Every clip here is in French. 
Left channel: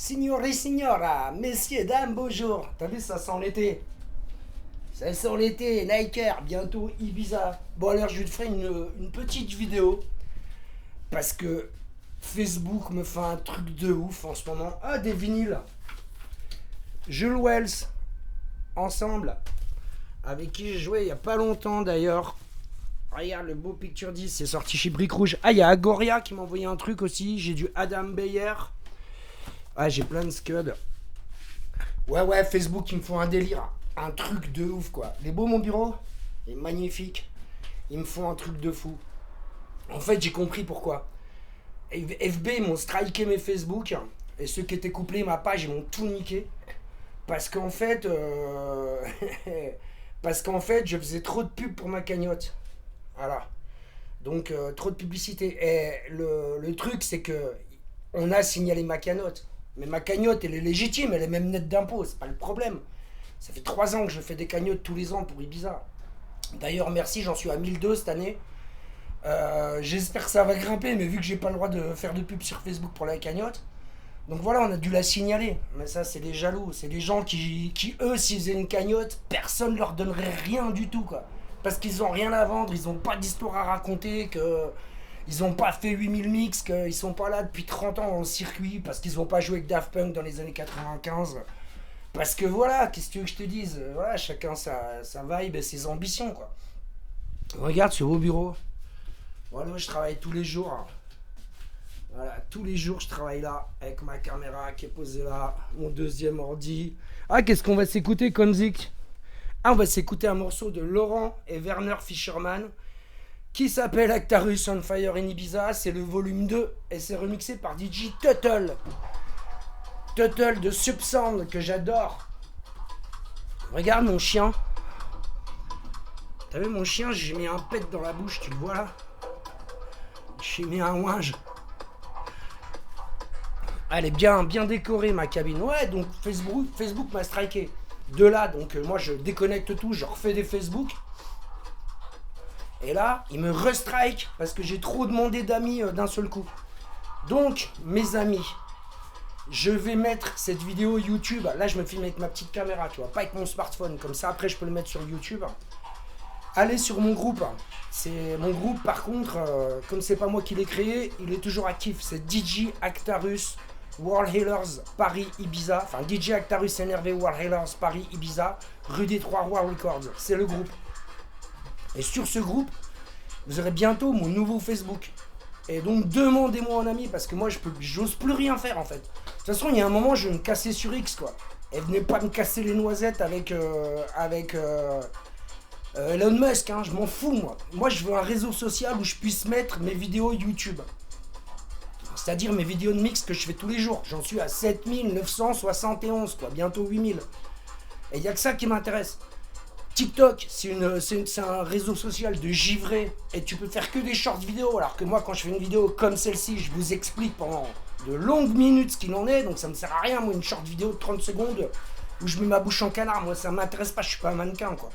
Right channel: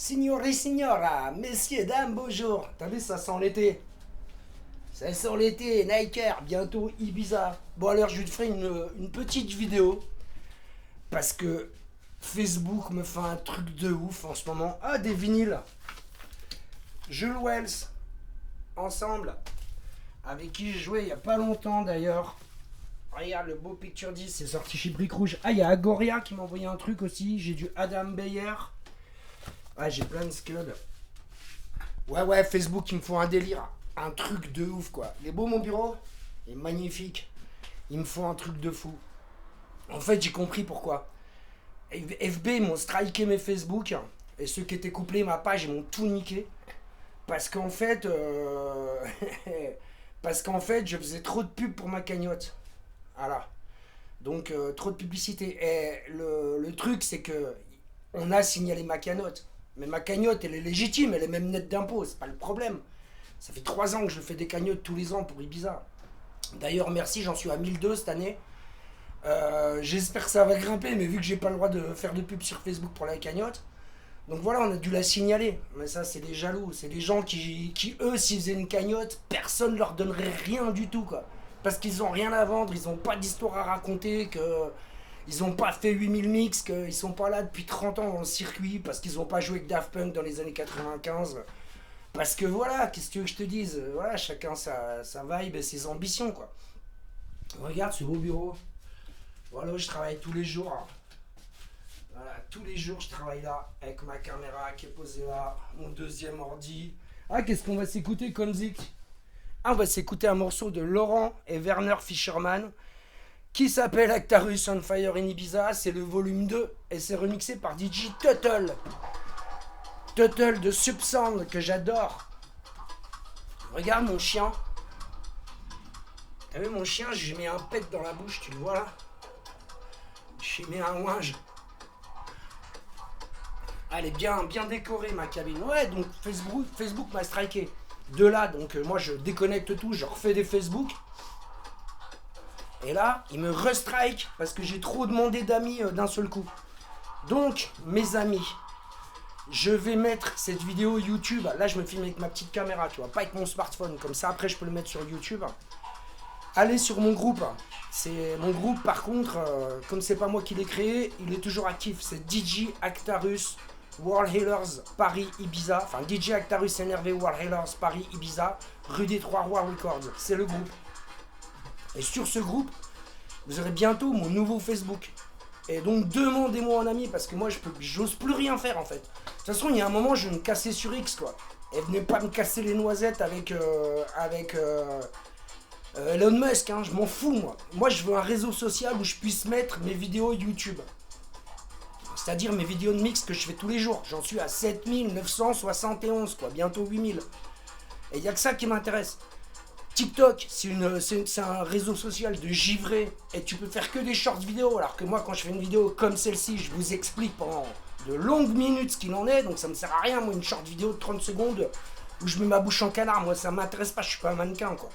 Signore et signora, messieurs, dames, bonjour. T'as vu, ça sent l'été. Ça sent l'été, Niker, bientôt Ibiza. Bon, alors, je te ferai une petite vidéo. Parce que Facebook me fait un truc de ouf en ce moment. Ah, des vinyles. Jules Wells, ensemble. Avec qui j'ai joué il y a pas longtemps d'ailleurs. Regarde, le beau Picture 10, c'est sorti chez Brick Rouge. Ah, il y a Agoria qui m'a envoyé un truc aussi. J'ai du Adam Beyer. Ah, j'ai plein de scuds. Ouais, Facebook, il me faut un délire. Un truc de ouf, quoi. Il est beau, mon bureau? Il est magnifique. Il me faut un truc de fou. En fait, j'ai compris pourquoi. FB, ils m'ont striké mes Facebook. Et ceux qui étaient couplés ma page, ils m'ont tout niqué. Parce qu'en fait... parce qu'en fait, je faisais trop de pub pour ma cagnotte. Voilà. Donc, trop de publicité. Et le truc, c'est que... On a signalé ma cagnotte. Mais ma cagnotte, elle est légitime, elle est même nette d'impôts, c'est pas le problème. Ça fait 3 ans que je fais des cagnottes tous les ans pour Ibiza. D'ailleurs, merci, j'en suis à 1002 cette année. J'espère que ça va grimper, mais vu que j'ai pas le droit de faire de pub sur Facebook pour la cagnotte, donc voilà, on a dû la signaler. Mais ça, c'est des jaloux, c'est des gens qui eux, s'ils faisaient une cagnotte, personne leur donnerait rien du tout, quoi. Parce qu'ils ont rien à vendre, ils ont pas d'histoire à raconter, que ils ont pas fait 8000 mix, qu'ils sont pas là depuis 30 ans dans le circuit, parce qu'ils ont pas joué avec Daft Punk dans les années 95. Parce que voilà, qu'est-ce que tu veux que je te dise? Voilà, chacun sa vibe et ses ambitions, quoi. Regarde ce beau bureau. Voilà, je travaille tous les jours. Voilà, tous les jours je travaille là, avec ma caméra qui est posée là, mon deuxième ordi. Ah, qu'est-ce qu'on va s'écouter comme zik? Ah, on va s'écouter un morceau de Laurent et Werner Fischerman qui s'appelle Actarus on Fire in Ibiza. C'est le volume 2 et c'est remixé par DJ Tuttle. Tuttle de Subsound que j'adore. Regarde mon chien. T'as vu mon chien, j'ai mis un pet dans la bouche, tu le vois là? J'ai mis un ouinge. Elle est bien décorée ma cabine. Ouais, donc Facebook m'a striké. De là, donc moi je déconnecte tout, je refais des Facebook. Et là, il me restrike parce que j'ai trop demandé d'amis d'un seul coup. Donc, mes amis, je vais mettre cette vidéo YouTube. Là, je me filme avec ma petite caméra, tu vois, pas avec mon smartphone. Comme ça, après, je peux le mettre sur YouTube. Allez sur mon groupe. C'est mon groupe, par contre, comme c'est pas moi qui l'ai créé, il est toujours actif. C'est DJ Actarus World Healers Paris Ibiza. Enfin, DJ Actarus NRV World Healers Paris Ibiza, rue des Trois Rois Records. C'est le groupe. Et sur ce groupe, vous aurez bientôt mon nouveau Facebook. Et donc demandez-moi en ami parce que moi j'ose plus rien faire en fait. De toute façon, il y a un moment, je vais me casser sur X quoi. Et venez pas me casser les noisettes avec Elon Musk, hein, je m'en fous moi. Moi je veux un réseau social où je puisse mettre mes vidéos YouTube. C'est-à-dire mes vidéos de mix que je fais tous les jours. J'en suis à 7971 quoi, bientôt 8000. Et il n'y a que ça qui m'intéresse. TikTok, c'est un réseau social de givré et tu peux faire que des shorts vidéo. Alors que moi, quand je fais une vidéo comme celle-ci, je vous explique pendant de longues minutes ce qu'il en est. Donc ça me sert à rien, moi, une short vidéo de 30 secondes où je mets ma bouche en canard. Moi, ça m'intéresse pas, je suis pas un mannequin, quoi.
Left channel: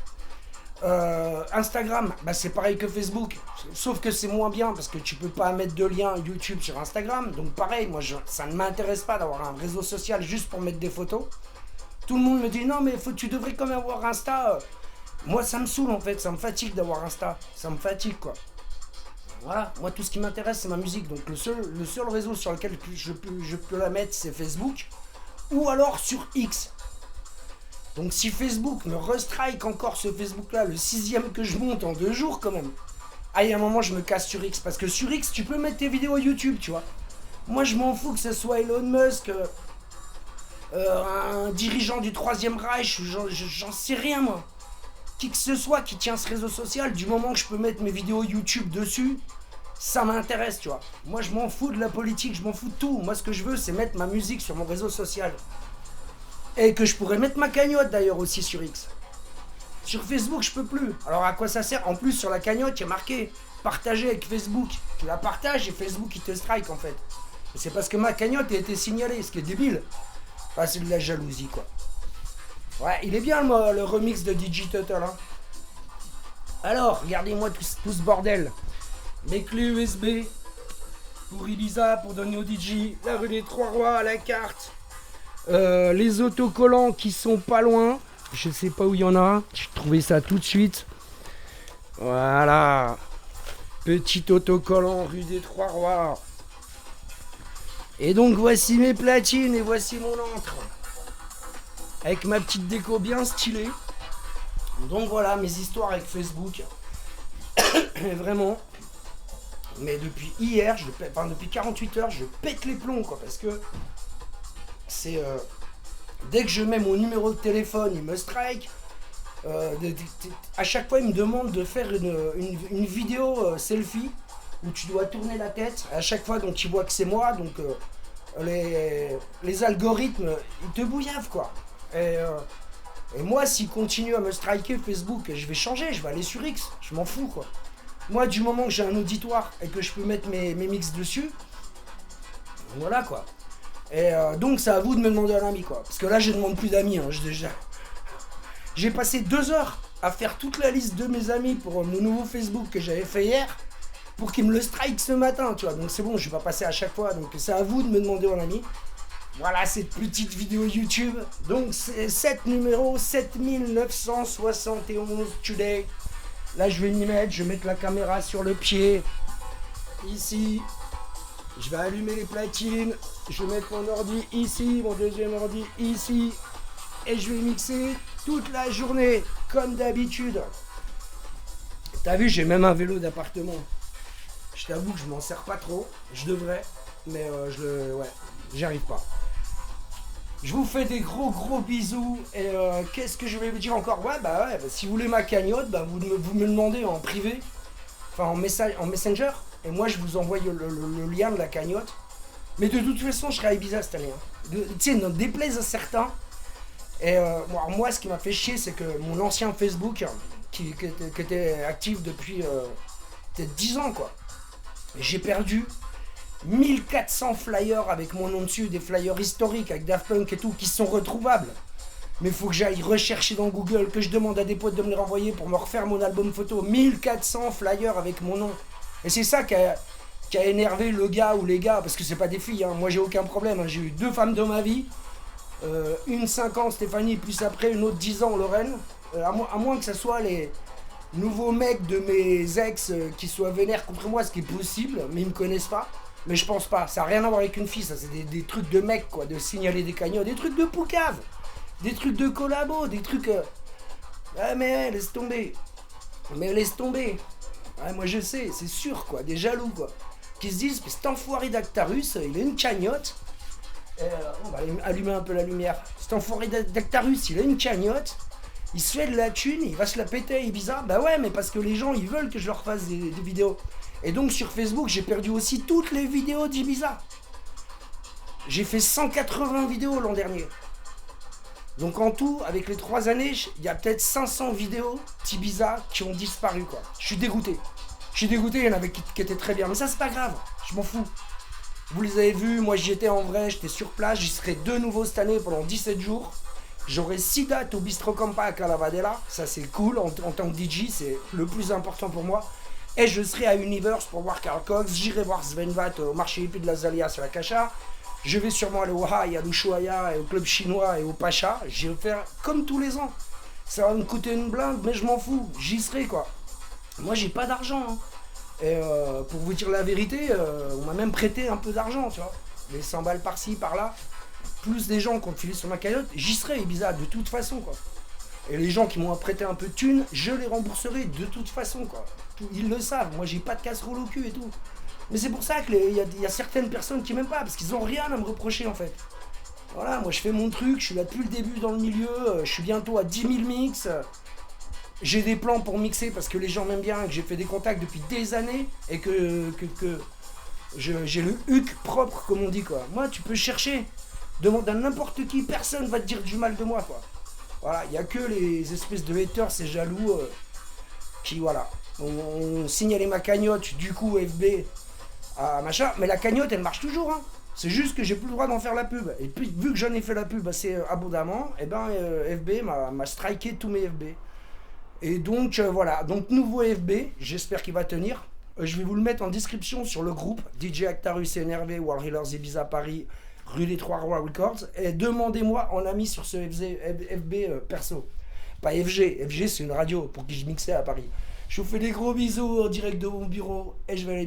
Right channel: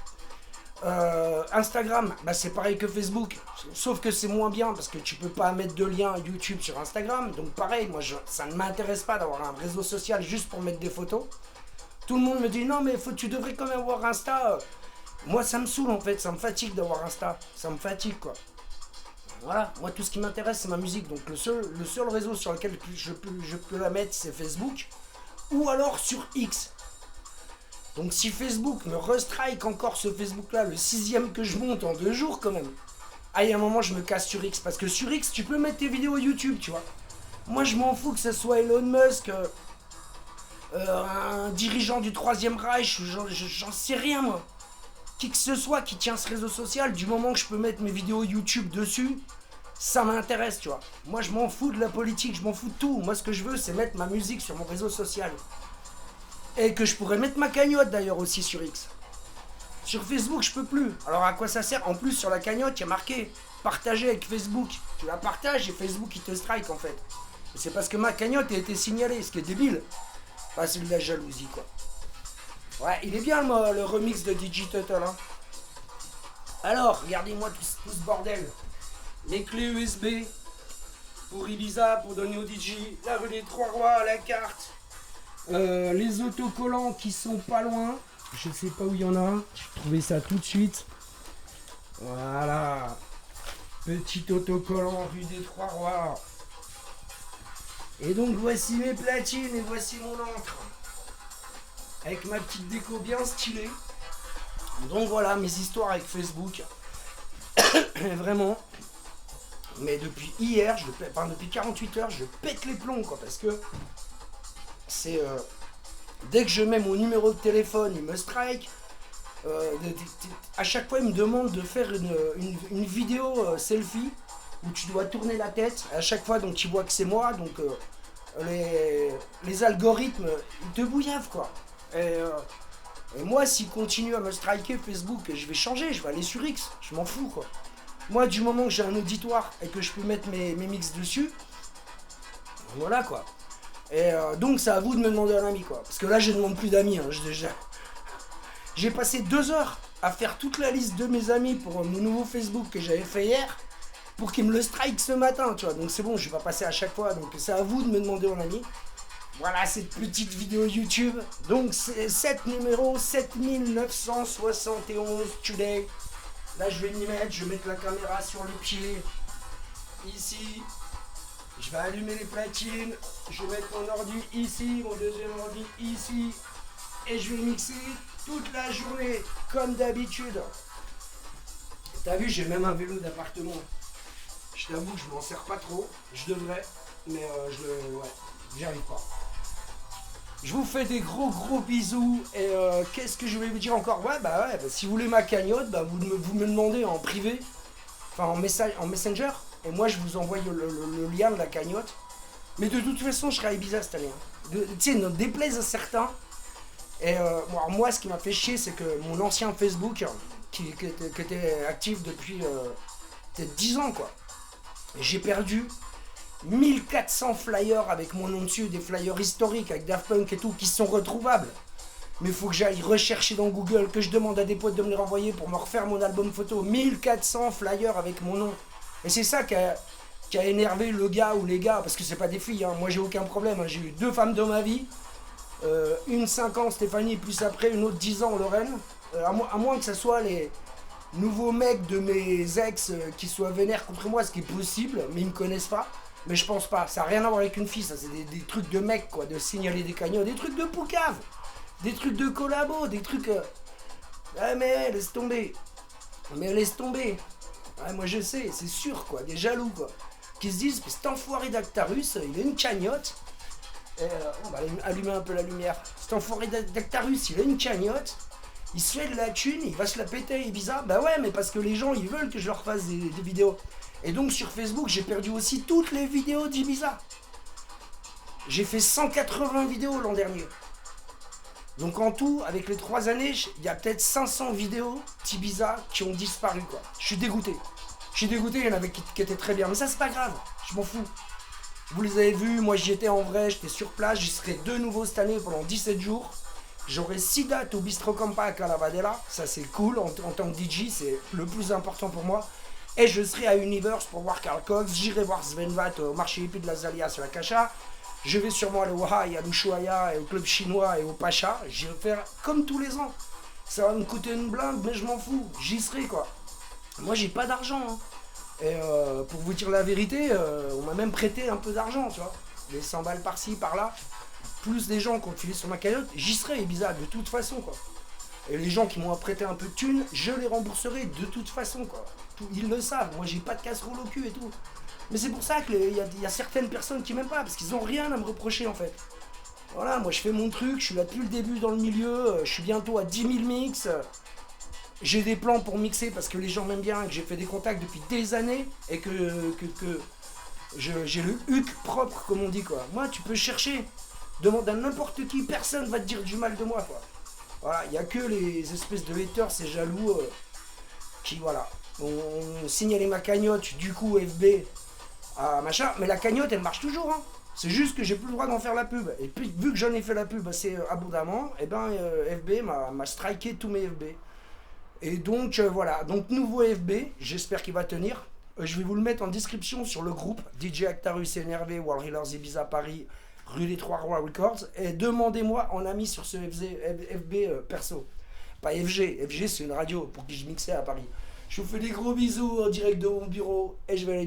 Instagram, bah c'est pareil que Facebook, sauf que c'est moins bien parce que tu peux pas mettre de lien YouTube sur Instagram. Donc pareil, moi, ça ne m'intéresse pas d'avoir un réseau social juste pour mettre des photos. Tout le monde me dit non, mais tu devrais quand même avoir Insta. Moi, ça me saoule en fait, ça me fatigue d'avoir Insta. Ça me fatigue quoi. Voilà, moi tout ce qui m'intéresse c'est ma musique. Donc le seul réseau sur lequel je peux la mettre c'est Facebook. Ou alors sur X. Donc si Facebook me restrike encore ce Facebook là, le 6ème que je monte en 2 jours quand même. Ah, il y a un moment je me casse sur X. Parce que sur X tu peux mettre tes vidéos YouTube, tu vois. Moi je m'en fous que ce soit Elon Musk, un dirigeant du 3ème Reich, j'en sais rien moi. Qui que ce soit qui tient ce réseau social, du moment que je peux mettre mes vidéos YouTube dessus, ça m'intéresse, tu vois. Moi, je m'en fous de la politique, je m'en fous de tout. Moi, ce que je veux, c'est mettre ma musique sur mon réseau social. Et que je pourrais mettre ma cagnotte, d'ailleurs, aussi sur X. Sur Facebook, je peux plus. Alors, à quoi ça sert? En plus, sur la cagnotte, il y a marqué « Partager avec Facebook ». Tu la partages et Facebook, il te strike, en fait. Et c'est parce que ma cagnotte a été signalée, ce qui est débile. Enfin, c'est de la jalousie, quoi. Ouais, il est bien le remix de DJ Tuttle. Hein. Alors, regardez-moi tout ce bordel. Mes clés USB pour Ibiza, pour donner au DJ. La rue des Trois Rois à la carte. Les autocollants qui sont pas loin. Je sais pas où il y en a. J'ai trouvé ça tout de suite. Voilà. Petit autocollant rue des Trois-Rois. Et donc voici mes platines et voici mon encre. Avec ma petite déco bien stylée. Donc voilà mes histoires avec Facebook. Vraiment. Mais depuis hier, depuis 48 heures, je pète les plombs quoi. Parce que c'est... dès que je mets mon numéro de téléphone, il me strike. À chaque fois, il me demande de faire une vidéo selfie où tu dois tourner la tête. À chaque fois, donc, tu vois que c'est moi. Donc, les algorithmes, ils te bouillavent, quoi. Et moi, s'il continue à me striker Facebook, je vais changer. Je vais aller sur X. Je m'en fous, quoi. Moi, du moment que j'ai un auditoire et que je peux mettre mes mix dessus, voilà, quoi. Et donc, c'est à vous de me demander un ami, quoi. Parce que là, je ne demande plus d'amis, hein, J'ai passé 2 heures à faire toute la liste de mes amis pour mon nouveau Facebook que j'avais fait hier pour qu'ils me le strike ce matin, tu vois. Donc c'est bon, je vais pas passer à chaque fois. Donc c'est à vous de me demander en ami. Voilà cette petite vidéo YouTube. Donc c'est 7 numéro 7971 today. Là je vais m'y mettre, je vais mettre la caméra sur le pied. Ici. Je vais allumer les platines. Je vais mettre mon ordi ici, mon deuxième ordi ici. Et je vais mixer toute la journée, comme d'habitude. T'as vu, j'ai même un vélo d'appartement. Je t'avoue que je m'en sers pas trop. Je devrais, mais ouais, j'y arrive pas. Je vous fais des gros bisous. Et qu'est-ce que je vais vous dire encore? Ouais, si vous voulez ma cagnotte, vous me demandez en privé, enfin en Messenger. Et moi, je vous envoie le lien de la cagnotte. Mais de toute façon, je serai à Ibiza cette année. Hein. Tu sais, ne déplaise à certains. Et moi, ce qui m'a fait chier, c'est que mon ancien Facebook, qui était actif depuis peut-être 10 ans, quoi. J'ai perdu 1400 flyers avec mon nom dessus, des flyers historiques avec Daft Punk et tout, qui sont retrouvables. Mais il faut que j'aille rechercher dans Google, que je demande à des potes de me les renvoyer pour me refaire mon album photo. 1400 flyers avec mon nom. Et c'est ça qui a énervé le gars ou les gars, parce que c'est pas des filles, hein. Moi j'ai aucun problème, hein. J'ai eu 2 femmes dans ma vie. Une 5 ans Stéphanie, plus après une autre 10 ans Lorraine. À moins que ce soit les nouveaux mecs de mes ex qui soient vénères contre moi, ce qui est possible, mais ils me connaissent pas. Mais je pense pas, ça n'a rien à voir avec une fille, ça c'est des trucs de mecs quoi, de signaler des cagnottes, des trucs de poucave, des trucs de collabo, des trucs... Ah mais laisse tomber, Ouais, moi je sais, c'est sûr quoi, des jaloux quoi, qui se disent, cet enfoiré d'Actarus, il a une cagnotte. On va allumer un peu la lumière. Cet enfoiré d'Actarus, il a une cagnotte, il se fait de la thune, il va se la péter à Ibiza. Bah ouais, mais parce que les gens, ils veulent que je leur fasse des vidéos. Et donc sur Facebook, j'ai perdu aussi toutes les vidéos d'Ibiza. J'ai fait 180 vidéos l'an dernier. Donc en tout, avec les 3 années, il y a peut-être 500 vidéos d'Ibiza qui ont disparu, quoi. Je suis dégoûté, il y en avait qui étaient très bien. Mais ça, c'est pas grave, je m'en fous. Vous les avez vus, moi j'y étais en vrai, j'étais sur place, j'y serai de nouveau cette année pendant 17 jours. J'aurai 6 dates au Bistro Campa à Calavadella, ça c'est cool, en tant que DJ, c'est le plus important pour moi. Et je serai à Universe pour voir Carl Cox, j'irai voir Sven Vath au marché hippie de la Zalia sur la Cacha. Je vais sûrement aller au High, à l'Ushuaïa et au club chinois et au Pacha. J'irai faire comme tous les ans. Ça va me coûter une blinde, mais je m'en fous, j'y serai quoi. Moi j'ai pas d'argent, hein. Et pour vous dire la vérité, on m'a même prêté un peu d'argent, tu vois. Les 100 balles par-ci, par-là. Plus des gens qui ont filé sur ma cagnotte, j'y serai Ibiza de toute façon, quoi. Et les gens qui m'ont prêté un peu de thunes, je les rembourserai de toute façon, quoi. Ils le savent, moi j'ai pas de casserole au cul et tout. Mais c'est pour ça qu'il y a certaines personnes qui m'aiment pas, parce qu'ils ont rien à me reprocher en fait. Voilà, moi je fais mon truc, je suis là depuis le début dans le milieu, je suis bientôt à 10 000 mix. J'ai des plans pour mixer parce que les gens m'aiment bien, que j'ai fait des contacts depuis des années et que j'ai le huc propre, comme on dit, quoi. Moi, tu peux chercher, demande à n'importe qui, personne va te dire du mal de moi, quoi. Voilà, il n'y a que les espèces de haters, ces jaloux, qui, voilà, on signalé ma cagnotte, du coup, FB, à machin, mais la cagnotte, elle marche toujours, hein. C'est juste que j'ai plus le droit d'en faire la pub. Et puis, vu que j'en ai fait la pub assez abondamment, et ben, FB m'a striké tous mes FB. Et donc voilà, donc nouveau FB, j'espère qu'il va tenir. Je vais vous le mettre en description sur le groupe DJ Actarus NRV, World Healers Ibiza Paris, rue des Trois Rois Records, et demandez-moi en ami sur ce FB perso. Pas FG, FG c'est une radio pour qui je mixais à Paris. Je vous fais des gros bisous en direct de mon bureau et je vais aller